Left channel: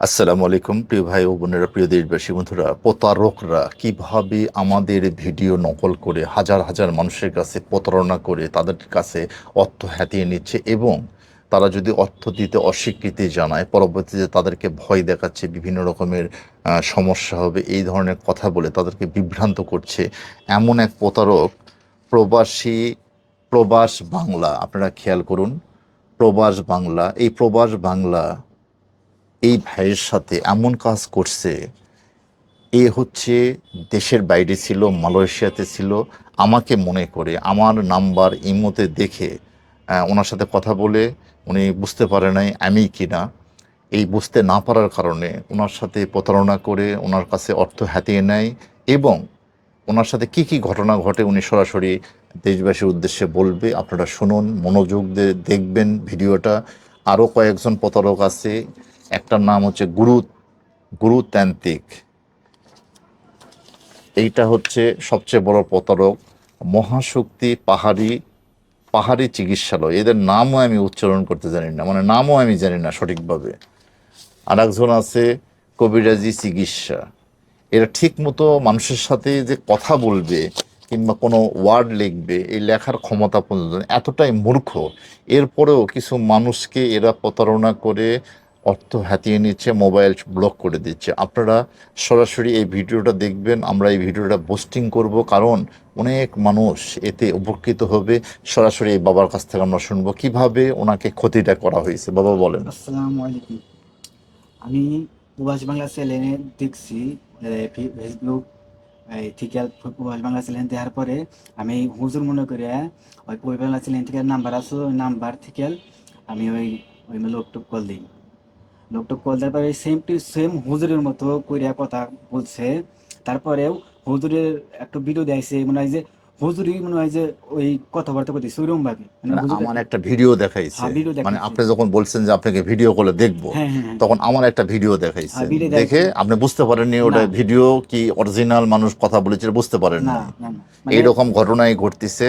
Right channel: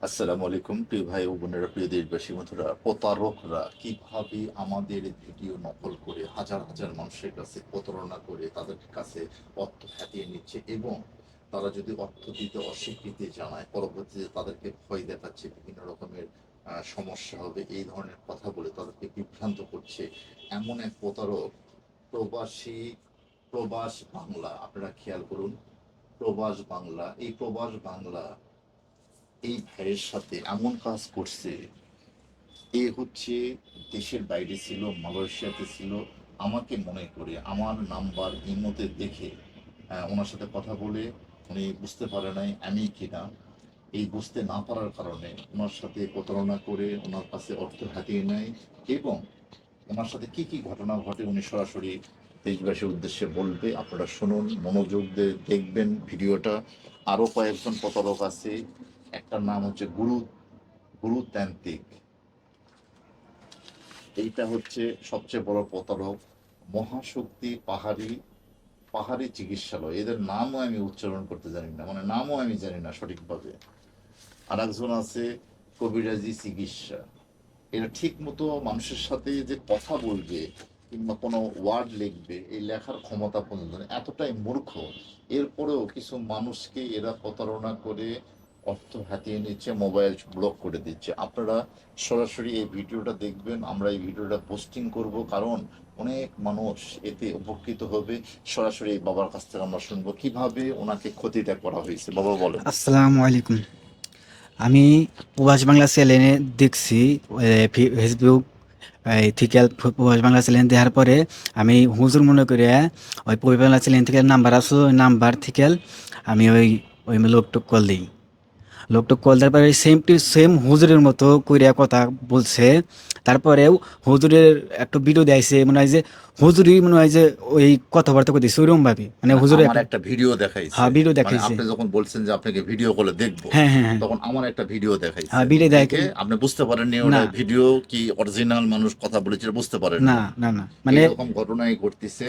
আসসালামু আলাইকুম, প্রিয় ভাই ও বোনেরা, প্রিয় দেশবাসী, বন্ধুরা, প্রতারকরা কীভাবে আমাদের ভিডিও নকল করে হাজার হাজার মানুষের কাছে প্রতারণা করে তাদের কাছে অর্থ হাতিয়ে নিচ্ছে এবং তারা যদি অর্থ দিতে অস্বীকৃতি জানায়, পরবর্তীতে তাদেরকে ভয় দেখাচ্ছে, বিভিন্ন রকমের সমস্যা হবে, এই ধরনের কথা বলে তাদেরকে বিভ্রান্ত করছে এমন এক প্রতারক, প্রবাসী, প্রবাস বাংলা, আপনারা খেয়াল করুন, প্রবাস বাংলা, এই প্রবাস বাংলা এই ভাইয়ের সাথে এমন কাজ করছে, এ হচ্ছে দেশের বাইরে ছিল, মালয়েশিয়াতে ছিল, আমাকে মনে করে, আমার নাম্বার ইমোতে দেখে ওনার সাথে কথা বলে উনি বুঝতে পারে নাই আমি কিনা। এই বুঝতে না পারার কারণে ওনার সাথে প্রতারণা করে ওনার কাছে অর্থ হাতিয়ে নেয় এবং ওনার সাথে কি কি ঘটনা ঘটে উনি সরাসরি দেশবাসীর উদ্দেশ্যে বলবে। আপনারা শুনুন, মনোযোগ দিয়ে দেখবেন ভিডিওটা। আরও কয়েকজন প্রতারক আছে একটার নাম হচ্ছে গুরু গুরুতান্ত্রিক এইটা হচ্ছে সবচেয়ে বড় প্রতারক, মহাশক্তি, পাহাড়ি পাহাড়ি চিকিৎসালয়। এদের নামও আমি উচ্চারণ করতে জানি না মানে নামও আমি জানি না সঠিকভাবে। আর একজন আছে, কবিরাজি চিকিৎসা। এরা ঠিক মতো মানুষের সাথে যে কথা বলবে কিংবা কোনো ওয়ার্ড লিখবে, এই লেখার ক্ষমতা পর্যন্ত এতটাই মূর্খ। এরপরেও কিছু মানুষকে এরা প্রতারণা করে অর্থ হাতিয়ে নিচ্ছে, মোবাইল ব্লক করে দিচ্ছে। আপনারা সরাসরি এই ভিডিওটা দেখবেন, আমরা এই ভিডিওটা পোস্টিং করব, কারণ অনেক মানুষ এতে উপকৃত হবে। সরাসরি এই বাবার কাছ থেকে আমরা শুনব, কীভাবে ওনাকে ক্ষতিটা করা হয়েছে। বাবা, বলেন। আসসালামু আলাইকুম। আমি প্রবাস বাংলা চ্যানেলে দেখছি ফেসবুক থেকে প্রবাস বাংলা চ্যানেল দেওয়ার পরে আমি হুজুর মনে করে ওই প্রবাস বাংলা চ্যানেল থেকে নাম্বার ওই নাম্বার থেকে আমি ওই ওই লোকটুক কল দিই। লোকটুক কল দেওয়ার সেম টু সেম হুজুরের মতো কইরা কথা বলছে। তারপরেও হুজুরের একটু ভিডিও দেয়ছে মনে হয় যে হুজুরই মনে হয় যে ওই কথাবার্তা করতেছে ওইরকম ভাবে। মানে হুজুরের আমার একটা ভিডিও দেখাইছে। হ্যাঁ, ভিডিও মানে দেখাইছে। আপনি যখন বলছেন যে আপনাকে ভিডিও কলে দেখব হ্যাঁ হ্যাঁ হ্যাঁ। তখন আমার একটা ভিডিও দেখাইছে। দেখে আপনি বুঝতে পারেননি ওটা ভিডিও কি অরিজিনাল মানুষ কথা বলেছে বুঝতে পারেন না না না। মানে এইরকম ঘটনাই ঘটতেছে।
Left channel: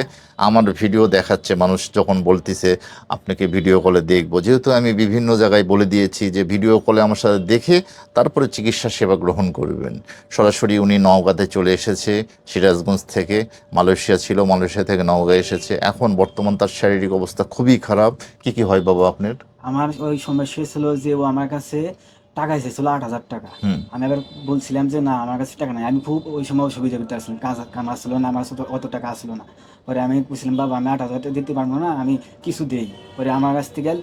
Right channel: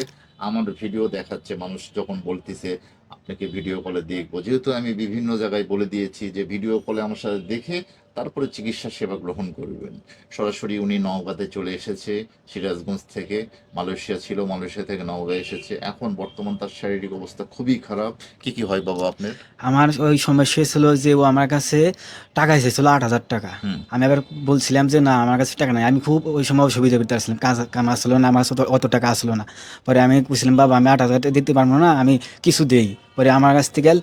আমার ভিডিও দেখাচ্ছে মানুষ যখন বলতেছে আপনাকে ভিডিও কলে দেখব। যেহেতু আমি বিভিন্ন জায়গায় বলে দিয়েছি যে ভিডিও কলে আমার সাথে দেখে তারপরে চিকিৎসা সেবা গ্রহণ করবেন। সরাসরি উনি নওগাঁতে চলে এসেছে সিরাজগঞ্জ থেকে মালয়েশিয়া ছিল মালয়েশিয়া থেকে নওগাঁ এসেছে। এখন বর্তমান তার শারীরিক অবস্থা খুবই খারাপ। কি কি হয় বাবা আপনার? আমার ওই সমস্যা ছিল যে ও আমার কাছে টাকা এসেছিল আট হাজার টাকা। আমি আবার বলছিলাম যে না আমার কাছে টাকা নাই। আমি খুব ওই সময় অসুবিধা করতে আসছিলাম। কাজ কাম আসলো না আমার কাছে অত- টাকা আসলো না। পরে আমি বলছিলাম বাবা আমি আট হাজার টাকা দিতে পারব না আমি কিছু দেই। পরে আমার কাছ থেকে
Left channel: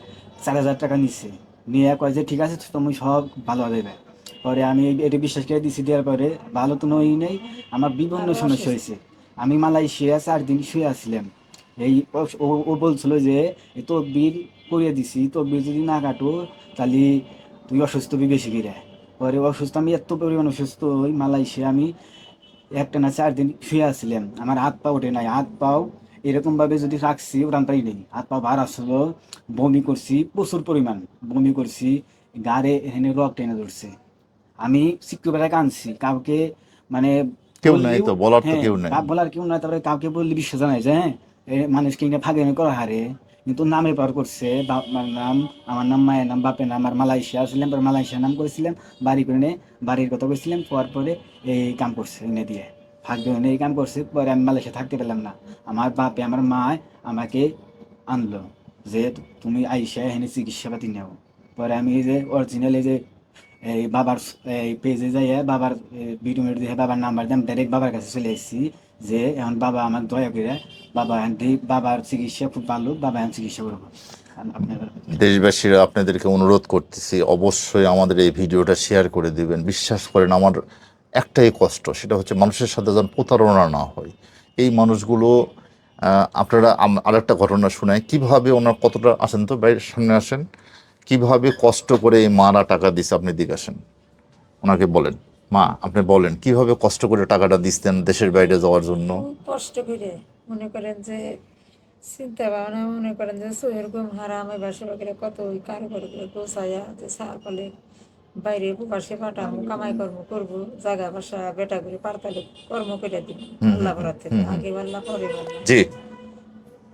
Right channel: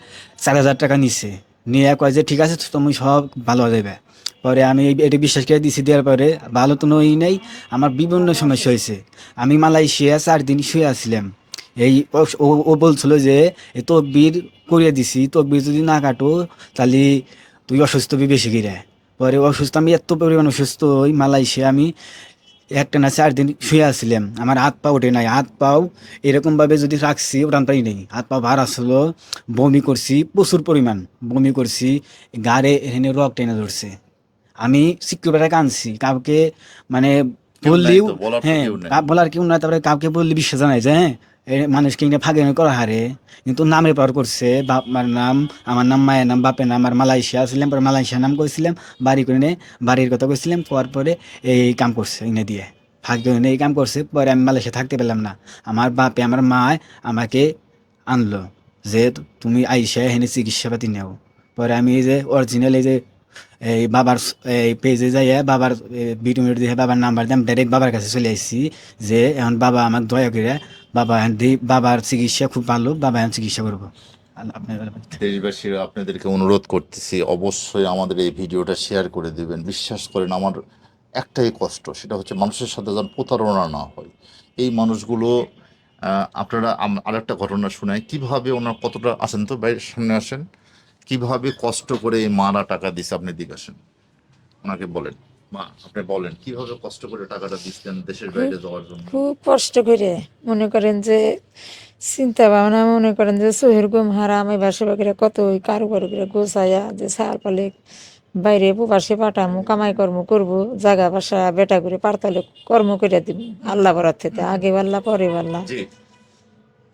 চার হাজার টাকা নিচ্ছে নিয়ে কয় যে ঠিক আছে তুমি সব ভালো হয়ে যাবে। পরে আমি এটা বিশ্বাস করে দিছি, দেওয়ার পরে ভালো তো নই নাই, আমার বিভিন্ন সমস্যা হয়েছে। আমি মালয়েশিয়া চার দিন শুয়ে আসছিলাম এই ও- বলছিল যে এই তকবির করিয়ে দিছি, তকবির যদি না কাটো, তাহলে তুই অসুস্থ হবি বেশি করে। পরে অসুস্থ, আমি এত পরিমাণ অসুস্থ, ওই মালয়েশিয়া আমি একটা না চার দিন শুয়ে আসছিলাম আমার হাত পা ওঠে নাই। হাত পাও এরকমভাবে যদি রাখছি ওটান পাই নেই। হাত পা ভার আসলো, বমি করছি, প্রচুর পরিমাণ। বমি করছি, গাড়ে এখানে রক টেনে ধরছে। আমি সিকিউরিটি কানছি কাউকে মানে বললেও বলার হ্যাঁ বলার কেউ নাই তারপরে কাউকে বললে বিশ্বাস জানাই যে হ্যাঁ মানুষকে কিনে ফাঁকে করা হারে। কিন্তু নামে পার করছে বাবার নাম আমার নাম মায়ের নাম বাপের নাম আর মালয়েশিয়া ছিলাম পরে মালয়েশিয়া নাম কইছিলাম বাড়ি করে নিয়ে বাড়ির কথা কইছিলাম পর পরে এই কাম করছে এনে দিয়ে। ফাঁক দিয়ে এই কাম করছে পরে আমি মালয়েশিয়া থাকতে পেলাম না। আমার বাপে আমার মায় আমাকে আনলো যে তুমি আইসা এখানে চিকিৎসা পাতি নেও। পরে আমি এই যে অরিজিনাল এই যে এই বাবার, এই পেজে যাইয়া বাবার ভিডিও দিয়ে বাবার নাম্বার দিয়ে ডাইরেক্ট বাবার কাছে চলে আসছি যে এখন বাবা আমাকে দয়া করে বাবা বাবার চিকিৎসা খুব ভালো, বাবা এখন চিকিৎসা করব। দেশবাসীরা আপনাদেরকে অনুরোধ করতেছি, অবশ্যই আমাদের এই ভিডিওটা শেয়ার করে দিবেন। বিশ্বাস করেন, আমার একটাই কষ্ট, সেটা হচ্ছে মানুষের সাথে যেন প্রতারণা না হয়। এই মানুষগুলো আপনারা আম- আরেকটা ঘটনা শোনায় কীভাবে ওনার কতটা আসেন তো? বাইরে সামনে আসেন। কীভাবে কষ্ট করে এই মারা টাকা দিছে আপনি দিকে আসেন ওনাকে বলেন মা আপনি বলেন কীভাবে কষ্ট করে টাকাটা দিচ্ছেন দেশের বাইরে যাওয়ার জন্য? খুব কষ্ট করে মনে করেন যে চিন্তা ভাবনা মনে করেন যে সোহের গুম হারাম এই বাসে বাকিরা কত ওই কারোবার করে গোছাইয়া যে সার পালে বাইরে প্রবাসে পাঠামু কামাই কর্ম করব জায়গা বাসা বেটা করে পারতালে কর্ম করে দিব আল্লাহ বরাত থেকে আগে পাল্লা পরে পাল্লা জি।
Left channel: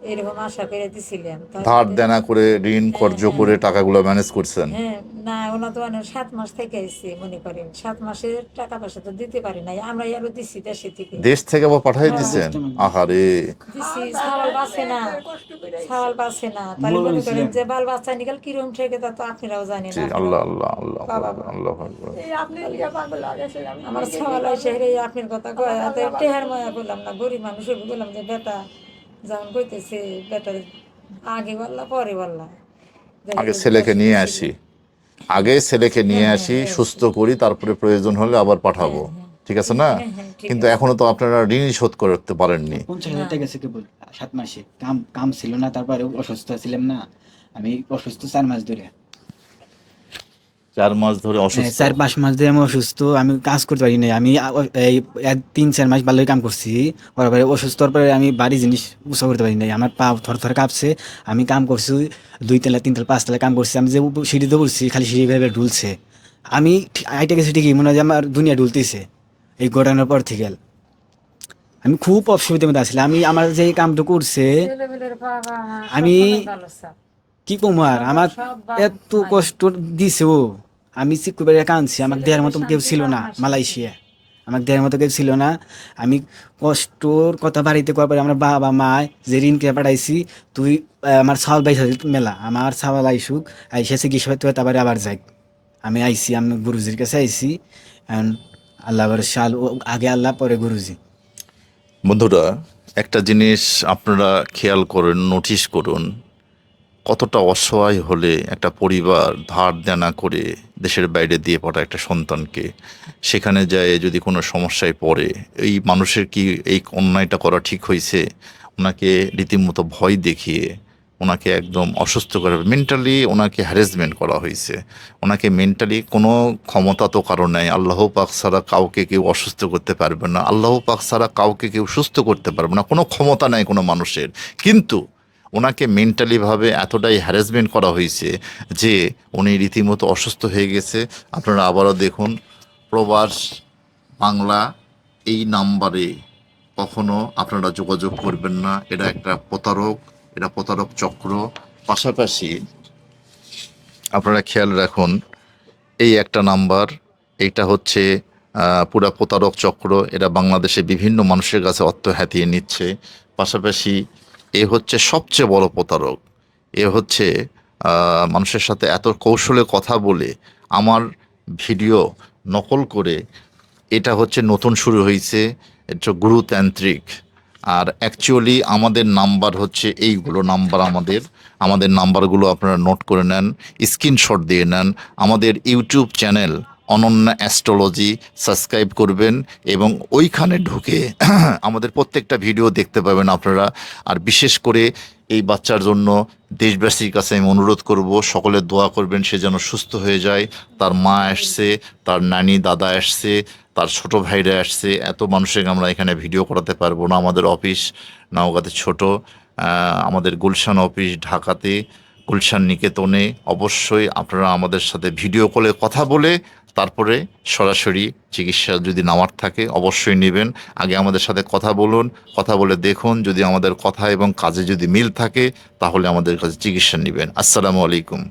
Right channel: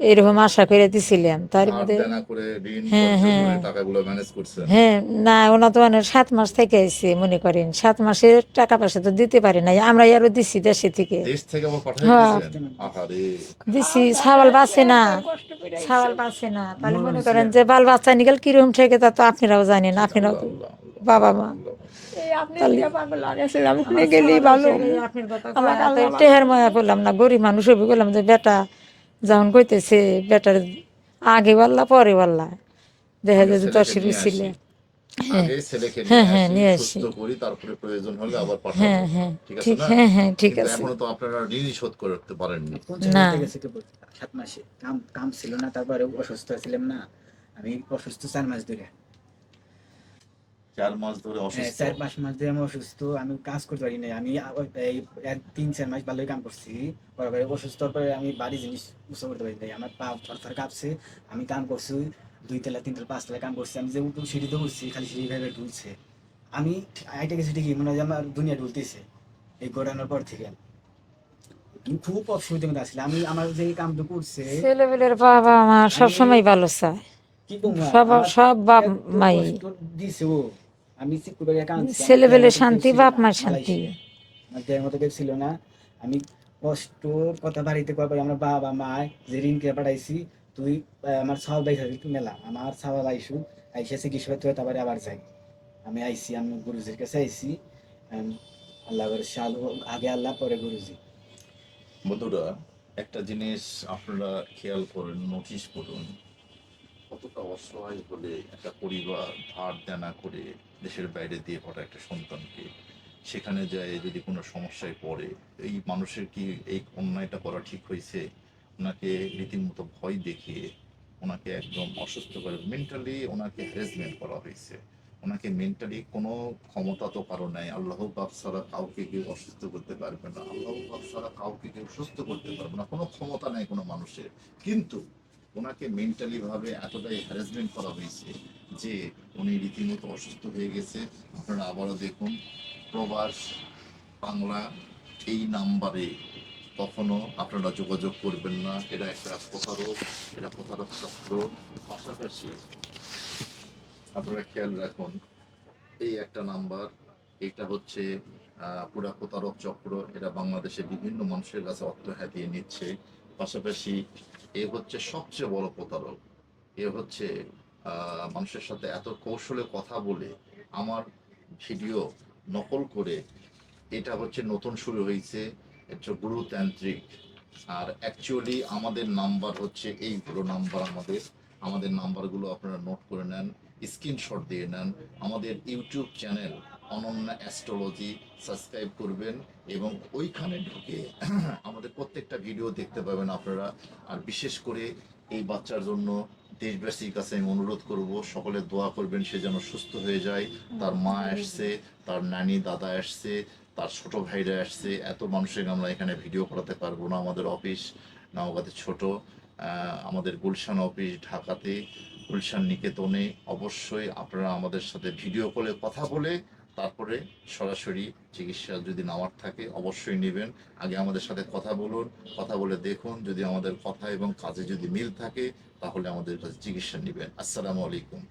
এরকম আশা করে দিছিলাম তার ধার দেনা করে ঋণ হ্যাঁ, কর্জ করে হ্যাঁ। টাকাগুলো ম্যানেজ করছেন? হ্যাঁ না ওনা তো মানে সাত মাস থেকে আইছে মনে করেন। সাত মাসের টাকা পয়সা তো দিতে পারি নাই আমরা আরও দিছি দেশে থেকে। দেশ থেকে আবার পাঠাই হ্যাঁ। দিয়েছেন আহারে। দিছি ছাওয়াল বাঁচে না ছাওয়াল বাঁচে না। তাহলে মনে করেন যে বাল বাচ্চা নিকাল কিরম থেকে তা তো আপনারাও জানেন আপনারাও আল্লাহ আল্লাহ আল্লাহ বাবা মা। আল্লাহ আকবার। আপনি গেলেই ভালো। আপনার কথা টেহার মায়া করলাম না গরিব মানুষ হইবে বললাম যে বেটা যখন কইতেছে বেটার আগে পাল্লা পরে পাল্লা দেখা যায় ছেলেকে নিয়ে আসি। আগে ছেলেকে নিয়ে হ্যাঁ, আসি সুস্থ করি তারপরে প্রয়োজন হলে আবার পাঠাবো। হ্যাঁ, হ্যাঁ, ঠিক আছে না? হ্যাঁ, হ্যাঁ, ঠিক কিন্তু এখনও তো আপনারা ঋণ শোধ করতে পারেননি। পঞ্চাশ না। হাজার টাকা গেছে কেবল সাত মাসে। কাম কাম ছিল না তারপরে অসুস্থ ছিলাম না। আমি অসুস্থ চার মাস ধরে। চার মাস ধরে হ্যাঁ, অসুস্থ। চার পাঁচ মাস ধরে আমি অসুস্থ আমি কাজ করতে পারি নাই। আমি এই তিন চার মাস ভালোই কাম করছি। পরে অসুস্থ হওয়ার পরে আমি বাড়ি জিনিস উৎসাহ করতে পারি নাই। আমার পা থর থর কাঁপছে আমি কাম করছি দুই তলা তিন তলা পাঁচ তলা কাম করছি। আমি যে সিঁড়িতে উঠছি খালি সিঁড়ি ভেবে ঢুলছে। আমি আইটা গেছি ঠিকই মনে হয় যে আমার দুনিয়া ঢুলতেছে এই ঘটনার পর থেকে। আমি খুব অসুবিধার মধ্যে আসলে আমি আমার যে এই কামটা করছে ছেলেবেলের বাবা মা আমি- সবসময় ভালো চায়। কি কমো আর? সবার- আমার সব এত কষ্ট দিছে ও। আমি চিকু বেড়ে কাঁদছি আমার দেহের মতো কেউ ছিল না মালয়েশিয়া। আমার দেহের মতো কেউ ছিল না। আমি কষ্টর কথা বাড়িতে করার পরে আমার বাবা মা যে ঋণ কে পাঠাইছি তুই আমার ছাওয়াল বাইসা মেলা। আমার ছাওয়াল আইসুক আইসা চিকিৎসা হয় তারপরে আবার যাই। আমি আইসি আমি গুরুজির কাছে আইসি আল্লাহ শাল ও আগে আল্লাহ পরে গুরুজি। বন্ধুরা একটা জিনিস আপনারা খেয়াল করুন নোটিশ করুন। কতটা অসহায় হলে একটা পরিবার ধার দেনা করে দেশের বাইরে দিয়ে পড়া একটা সন্তানকে, সেখানে যায়, যদি কোনো সমস্যায় পড়ে, এই মানুষের কি এই অন্যায়টা করা ঠিক হয়েছে? ওনাকে রীতিমতো ভয় দেখিয়ে, ওনাকে একদম অসুস্থ করে মেন্টালি ওনাকে হ্যারাসমেন্ট করা হয়েছে। ওনাকে মেন্টালি কোনো ক্ষমতা তো কারও নেই। আল্লাহ পাক ছাড়া কাউকে কেউ অসুস্থ করতে পারবে না। আল্লাহ পাক ছাড়া কাউকে কেউ সুস্থ করতে পারবে না। কোনো ক্ষমতা নেই কোনো মানুষের। কিন্তু ওনাকে মেন্টালিভাবে এতটাই হ্যারাসমেন্ট করা হয়েছে যে উনি রীতিমতো অসুস্থ হয়ে গেছে। আপনারা আবারও দেখুন, প্রবাস বাংলা এই নাম্বারে কখনো আপনারা যোগাযোগ করবেন না। এটা একটা প্রতারক, এটা প্রতারক চক্র। পাশাপাশি আপনারা খেয়াল রাখুন, এই একটা নাম্বার, এইটা হচ্ছে পুরা প্রতারক চক্র। এরা বাংলাদেশে বিভিন্ন মানুষের কাছে অর্থ হাতিয়ে নিচ্ছে। পাশাপাশি এ হচ্ছে সবচেয়ে বড় প্রতারক। এ হচ্ছে মানুষের সাথে এত কৌশলে কথা বলে আমার ভিডিও নকল করে এটা হচ্ছে নতুন শুরু হয়েছে এটা গুরুতান্ত্রিক। আর অ্যাকচুয়ালি আমাদের নাম্বার হচ্ছে এইগুলো নাম্বার আমাদের আমাদের নাম্বারগুলো আপনারা নোট করে নেন স্ক্রিনশট দিয়ে নেন। আমাদের YouTube channel Ananya astrology subscribe করবেন এবং ওইখানে ঢুকে আমাদের প্রত্যেকটা ভিডিও দেখতে পাবেন আপনারা। আর বিশেষ করে এই বাচ্চার জন্য দেশবাসীর কাছে আমি অনুরোধ করব, সকলে দোয়া করবেন সে যেন সুস্থ হয়ে যায়। তার মা আসছে, তার নানি, দাদা আসছে, তার ছোট ভাইরা আসছে। এত মানুষের আমরা এখানে ভিডিও করাতে পারব না। আমাদের অফিস নওগাঁতে ছোট আমাদের গুলশান অফিস ঢাকাতে, গুলশান নিকেতনে। অবশ্যই আপনারা আমাদের সাথে ভিডিও কলে কথা বলে তারপরে সরাসরি চিকিৎসা যদি নামার থাকে, অবশ্যই নেবেন। আগে আমাদের সাথে কথা বলুন, কথা বলে দেখুন। যদি আমাদের কথা এবং কাজে যদি মিল থাকে, তাহলে আমাদের কাছে চিকিৎসা নেবেন। আসসালামু আলাইকুম।